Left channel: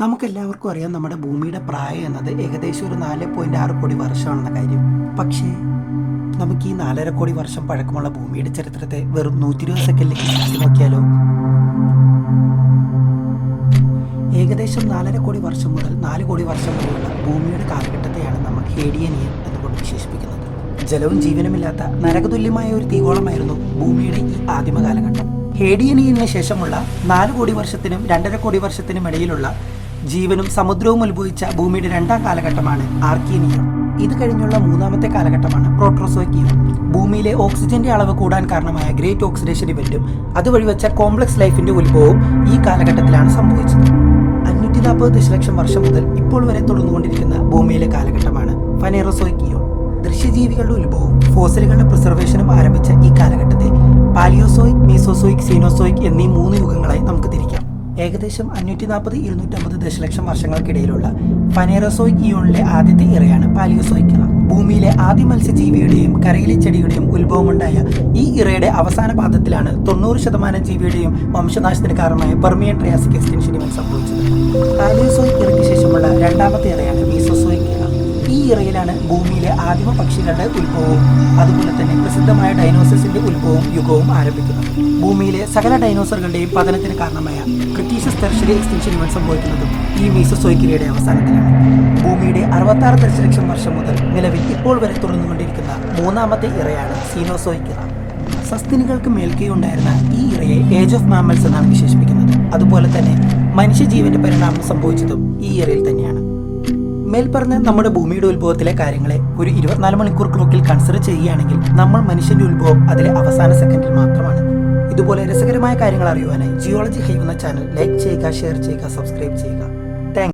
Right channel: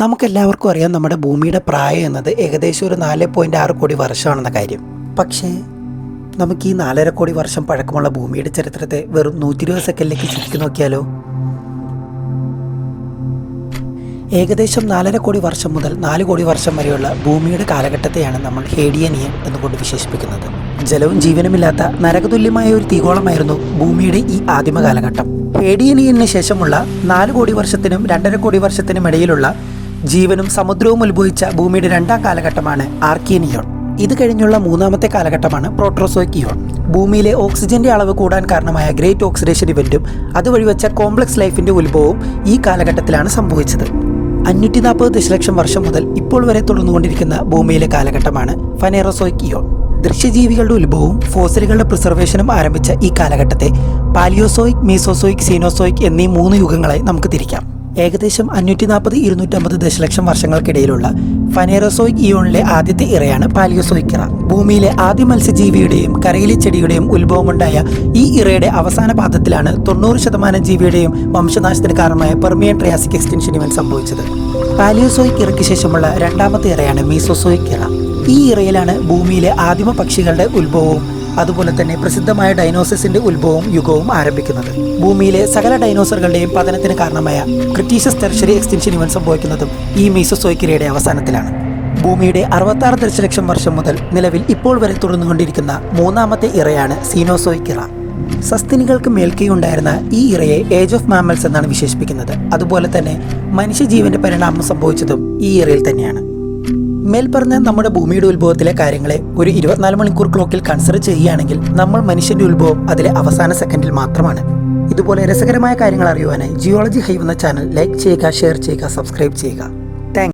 നമുക്കെല്ലാവർക്കും അറിയാം നമ്മുടെ ഭൂമിയുടെ പ്രായം എന്നത് ഏകദേശം ഒരു നാല് പോയിന്റ് ആറ് കോടി വർഷമാണെന്ന കാര്യം. പക്ഷേ നമുക്ക് ഈ നാലര കോടി വർഷം പഴക്കമുള്ള ഭൂമിയുടെ ചരിത്രത്തെ വെറും നൂറ്റി ഇരുപത് സെക്കൻഡിലേക്ക് ചുറ്റി നോക്കിയാലോ? ഏകദേശം നാലര കോടി വർഷം മുതൽ നാല് കോടി വർഷം വരെയുള്ള ഭൂമിയുടെ കാലഘട്ടത്തെയാണ് നമ്മൾ ഹേഡിയനിയൻ എന്നുകൊണ്ട് വിശേഷിപ്പിക്കുന്നത്. ജലവും ജീവനുമില്ലാത്ത നരകതുല്യമായ ഒരു തീകോളമായിരുന്നു ഭൂമിയുടെ ഈ ആദിമ കാലഘട്ടം ഹേഡിയനിയന് ശേഷമുള്ള നാല് കോടി വർഷത്തിനും രണ്ടര കോടി വർഷത്തിനും ഇടയിലുള്ള ജീവനും സമുദ്രവും ഉത്ഭവിച്ച ഭൂമിയുടെ രണ്ടാം കാലഘട്ടമാണ് ആർക്കിയനിയോൺ ഇത് കഴിഞ്ഞുള്ള മൂന്നാമത്തെ കാലഘട്ടമാണ് പ്രോട്രോസോക്കിയോൺ ഭൂമിയിലെ ഓക്സിജന്റെ അളവ് കൂടാൻ കാരണമായ ഗ്രേറ്റ് ഓക്സിഡേഷൻ ഇവന്റും അതുവഴി വെച്ച കോംപ്ലക്സ് ലൈഫിന്റെ ഉത്ഭവവും ഈ കാലഘട്ടത്തിലാണ് സംഭവിച്ചത്. അഞ്ഞൂറ്റി നാൽപ്പത് ദശലക്ഷം വർഷം മുതൽ ഇപ്പോൾ വരെ തുടർന്നുകൊണ്ടിരിക്കുന്ന ഭൂമിയിലെ കാലഘട്ടമാണ് ഫനേറോസോക്കിയോൺ. ദൃശ്യജീവികളുടെ ഉത്ഭവവും ഫോസിലുകളുടെ പ്രിസർവേഷനും ആരംഭിച്ച ഈ കാലഘട്ടത്തെ പാലിയോസോയിക് മീസോസോയിക് സീനോസോയിക് എന്നീ മൂന്ന് യുഗങ്ങളായി നമുക്ക് തിരിക്കാം. ഏകദേശം അഞ്ഞൂറ്റി നാൽപ്പത് ഇരുന്നൂറ്റമ്പത് ദശലക്ഷം വർഷങ്ങൾക്കിടയിലുള്ള ഫനേറോസോയിക് ഇയോണിലെ ആദ്യത്തെ ഇറയാണ് പാലിയോസോയിക് ഇറ ഭൂമിയിലെ ആദ്യ മത്സ്യജീവിയുടെയും കരയിലെ ചെടികളുടെയും ഉത്ഭവമുണ്ടായ ഈ ഇറയുടെ അവസാന പാദത്തിലാണ് തൊണ്ണൂറ് ശതമാനം ജീവിയുടെയും വംശനാശത്തിന് കാരണമായ പെർമിയൻ ട്രയാസിക് എക്സ്റ്റൻഷൻ ഇവൻ സംഭവിച്ചത്. പാലിയോസോയിക് ഇറയ്ക്ക് ശേഷമുള്ള രണ്ടാമത്തെ ഇറയാണ് മീസോസോയിക് ഇറ ഈ ഇറയിലാണ് ഭൂമിയിലെ ആദിമ പക്ഷികളുടെ ഉത്ഭവവും. അതുപോലെ തന്നെ പ്രസിദ്ധമായ ഡൈനോസസിന്റെ ഉത്ഭവവും യുഗവും ആരംഭിക്കുന്നത്. ഭൂമിയിലെ സകല ഡൈനോസറുകളുടെയും പതനത്തിന് കാരണമായ ക്രിറ്റീഷ്യസ് തെർഷറി എക്സ്റ്റൻഷൻ ഇവൻ സംഭവിക്കുന്നതും ഈ മീസസോയ്ക്കിരയുടെ അവസാനത്തിലാണ്. ഭൂമിയുടെ അറുപത്താറ് ദശലക്ഷം വർഷം മുതൽ നിലവിൽ ഇപ്പോൾ വരെ തുടർന്നുകൊണ്ടിരിക്കുന്ന മൂന്നാമത്തെ ഇറയാണ് സീനോസോയ്ക്കിറ സസ്തിനികൾക്ക് മേൽക്കൈയുണ്ടായിരുന്ന ഈ ഇറയെ ഏജ് ഓഫ് മാമൽസ് എന്നാണ് വിശേഷിപ്പിക്കുന്നത്. അതുപോലെ തന്നെ മനുഷ്യജീവന്റെ പരിണാമം സംഭവിച്ചതും ഈ ഇറയിൽ തന്നെയാണ്. മേൽപ്പറഞ്ഞ നമ്മുടെ ഭൂമിയുടെ ഉത്ഭവത്തിലെ കാര്യങ്ങളെ ഒരു ഇരുപത്തിനാല് മണിക്കൂർ ക്ലോക്കിൽ കൺസിഡർ ചെയ്യുകയാണെങ്കിൽ നമ്മൾ മനുഷ്യന്റെ ഉത്ഭവം അതിലെ അവസാന സെക്കൻഡിൽ മാത്രമാണ്. ഇതുപോലെ രസകരമായ കാര്യങ്ങൾ അറിയുവാനായി ജിയോളജി ഹൈവ് എന്ന ചാനൽ ലൈക്ക് ചെയ്യുക ഷെയർ ചെയ്യുക സബ്സ്ക്രൈബ് ചെയ്യുക.